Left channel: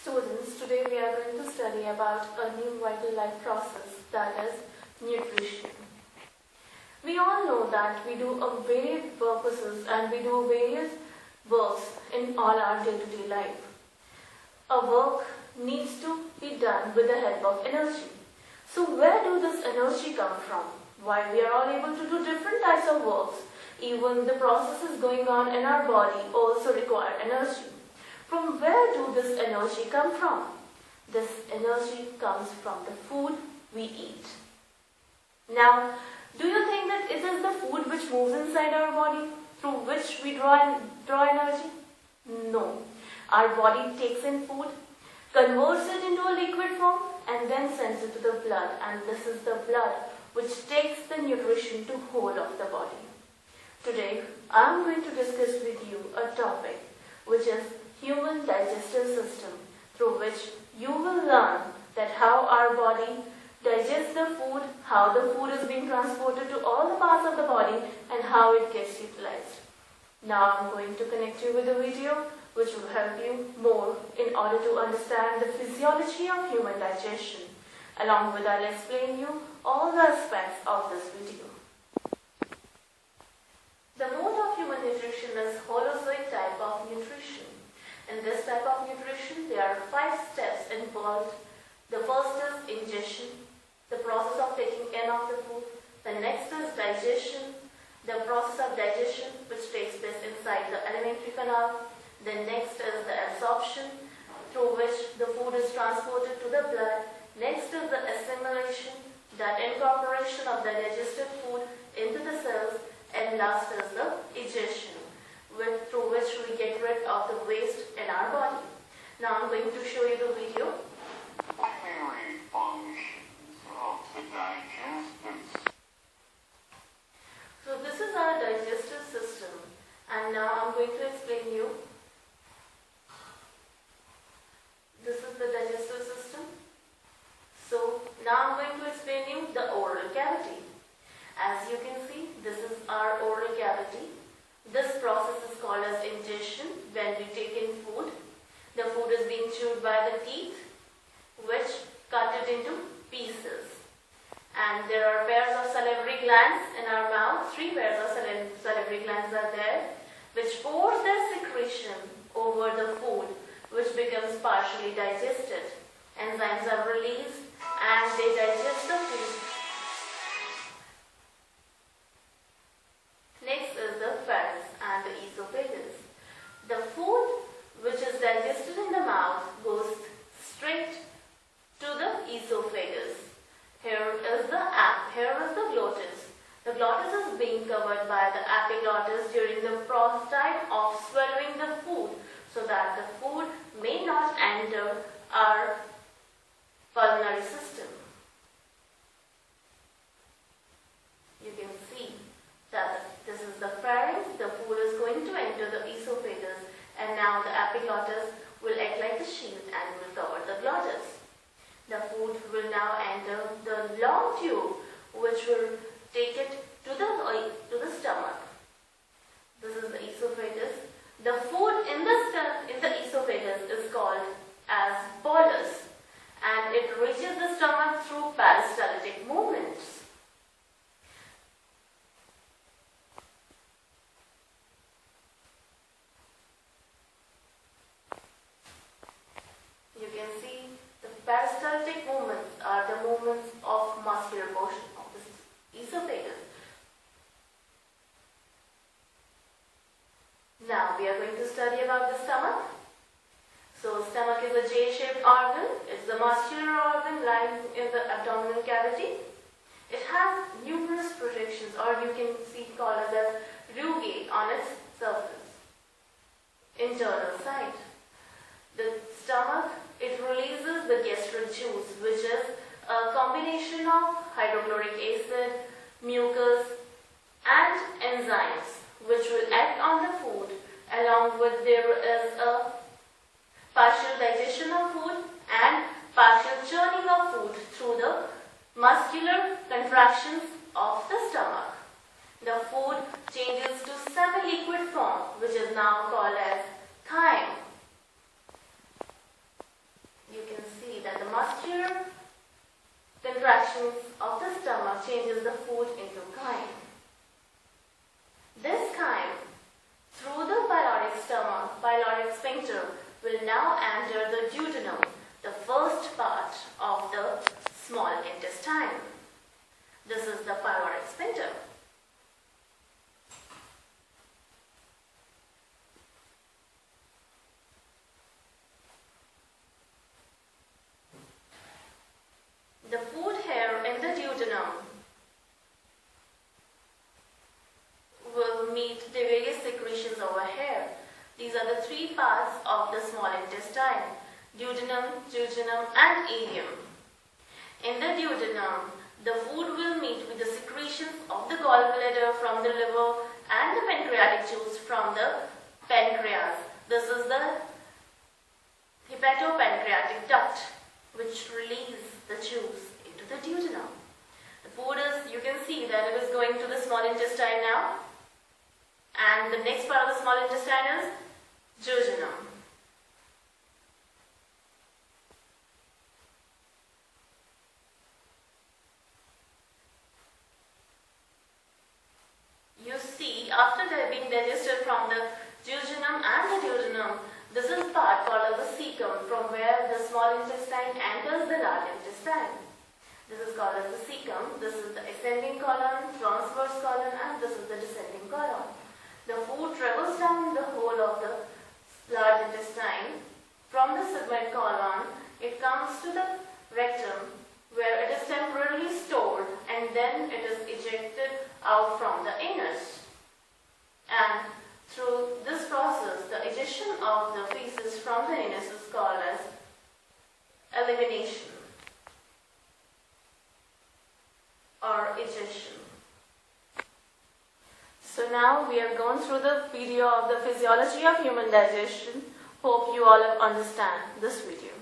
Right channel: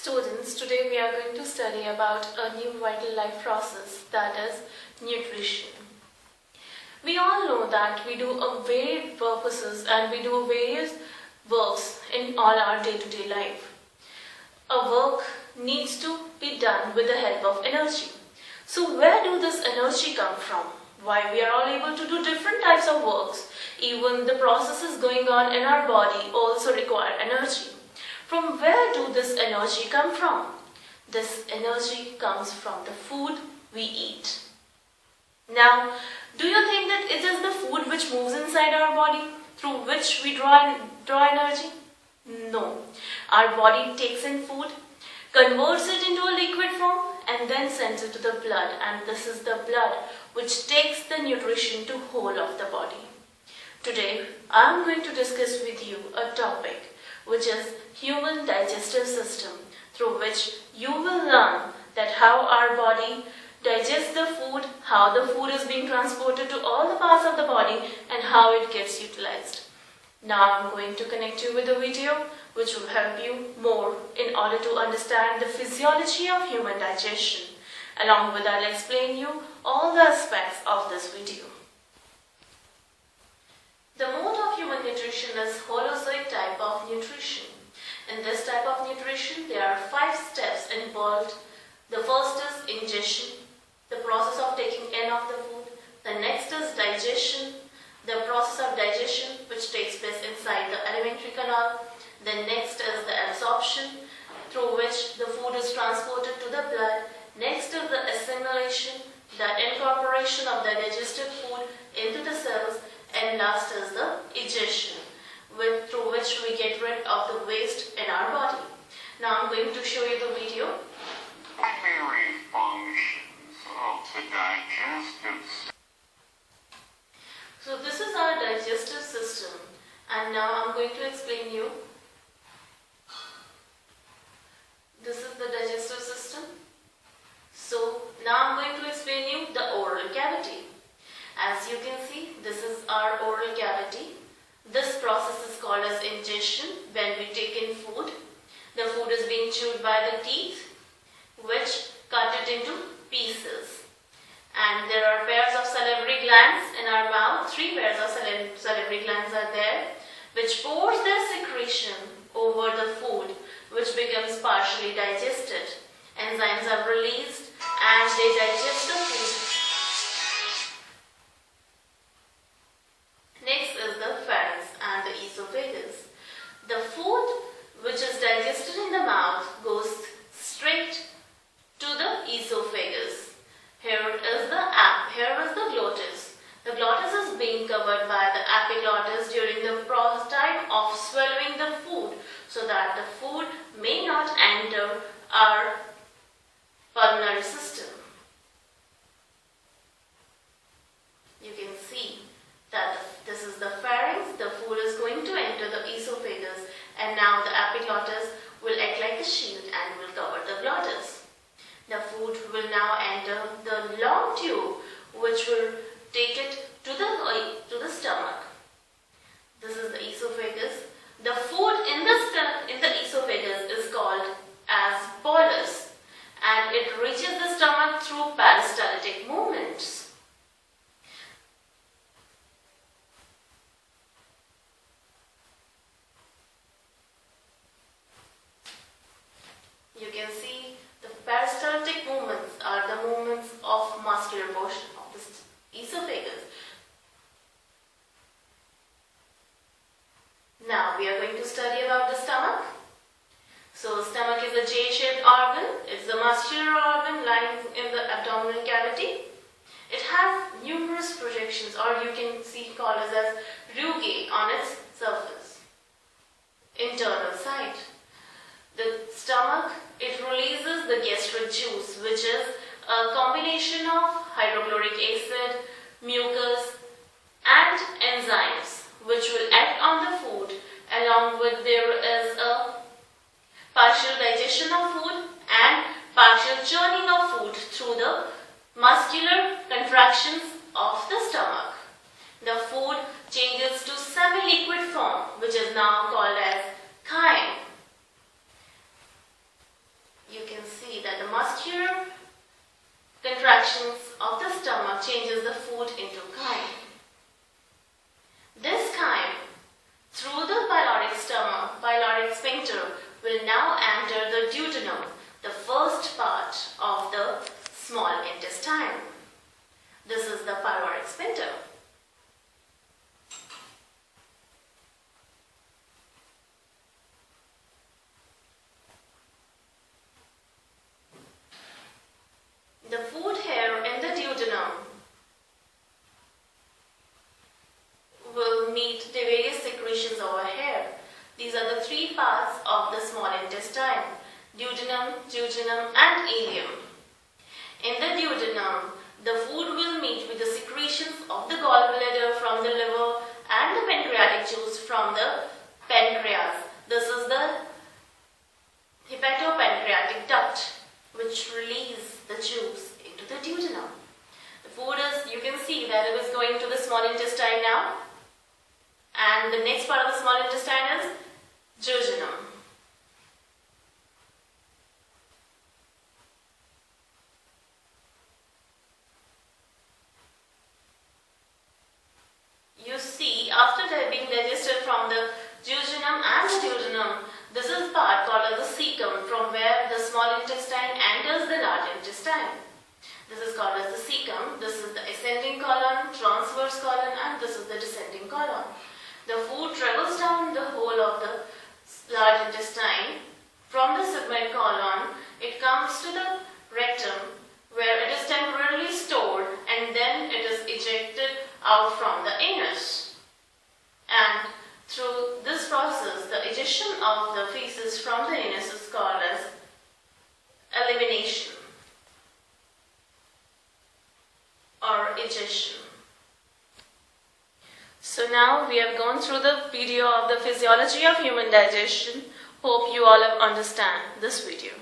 Students, today we are going to study about a new vital life process, that is nutrition. We all know that we do a varied purposes and we do various works in all our day-to-day life. A work needs to be done with the help of energy. So where do this energy come from? Why we are all able to do different types of works? Even the processes going on in our body also require energy. From where do this energy come from? This energy comes from the food we eat. Now, do you think that it is the food which moves inside our body through which we draw energy? No. Our body takes in food, converts it into a liquid form and then sends it to the blood, and this is the blood which takes the nutrition to whole of the body. Today, I am going to discuss with you a topic which is human digestive system, through which you will learn that how our body digests the food, how the food is being transported to all the parts of the body and how it gets utilized. Now I'm going to connect you with a video which will help you more in order to understand the physiology of human digestion. Along with that, I'll explain you all the aspects of this video. The mode of human nutrition is holozoic type of nutrition. In this type of nutrition, there are 5 steps involved. The first is ingestion, the process of taking in of the food. The next is digestion, the process of digestion which takes place inside the alimentary canal. The next is the absorption, through which the food is transported to the blood. Next is the assimilation, the incorporation of the digested food into the cells. And last is the egestion, through which we get rid of the waste in our body. Now I'm going to show you the video. Primary functions of the digestive system. So this is our digestive system, and now I'm going to explain you. This is the digestive system. So now I'm going to explain you the oral cavity. As you can see, this is our oral cavity. This process is called as ingestion. When we take in food, the food is being chewed by the teeth, which cut it into pieces. And there are pairs of salivary glands in our mouth. 3 pairs of salivary glands are there, which force their secretion over the food, which becomes partially digested. Enzymes are released and they digest the food. Next is the pharynx and the esophagus. The food which is digested in the mouth goes straight to the esophagus. Here is the glottis. The glottis is being covered by the epiglottis during the time of swallowing the food, so that the food may not enter our pulmonary system. You can see that this is the pharynx, the food is going to enter the esophagus, and now the epiglottis will act like a shield and will cover the glottis. The food will now enter the long tube, which will take it to the stomach. This is the esophagus. The food in the esophagus is called as bolus, and it reaches the stomach through peristaltic movements. You can see the peristaltic movements are the movements of muscular portion of the esophagus. Now we are going to study about the stomach. So stomach is a J-shaped organ. It's a muscular organ lying in the abdominal cavity. It has numerous projections, or you can see called as rugae on its surface. Internal side. The stomach, it releases the gastric juice, which is a combination of hydrochloric acid, mucus and enzymes, which will act on the food. Along with there is a partial digestion of food and partial churning of food through the muscular contractions of the stomach. The food changes to semi-liquid form, which is now called as chyme. contractions of the stomach changes the food into chyme. This chyme, through the pyloric sphincter, will now enter the duodenum, the first part of the small intestine. This is the pyloric sphincter. The food here in the duodenum will meet the various secretions over here. These are the three parts of the small intestine: duodenum, jejunum and ileum. In the duodenum, the food will meet with the secretions of the gallbladder from the liver and the pancreatic juice from the pancreas. This is the hepatopancreatic duct, which release the juice into the duodenum. The food is, you can see that it is going to the small intestine now, and the next part of the small intestine is jejunum. You see, after being digested from the jejunum and the duodenum, this is part called as the cecum, from where the small intestine enters the large intestine. This is called as the cecum. This is the ascending colon, transverse colon, and this is the descending colon. The food travels down the whole of the large intestine. From the sigmoid colon, it comes to the rectum, where it is temporarily stored, and then it is ejected out from the anus. And through this process, the ejection of the feces from the anus is called as elimination or ejection. So now we have gone through the video of the physiology of human digestion. Hope you all have understand this video.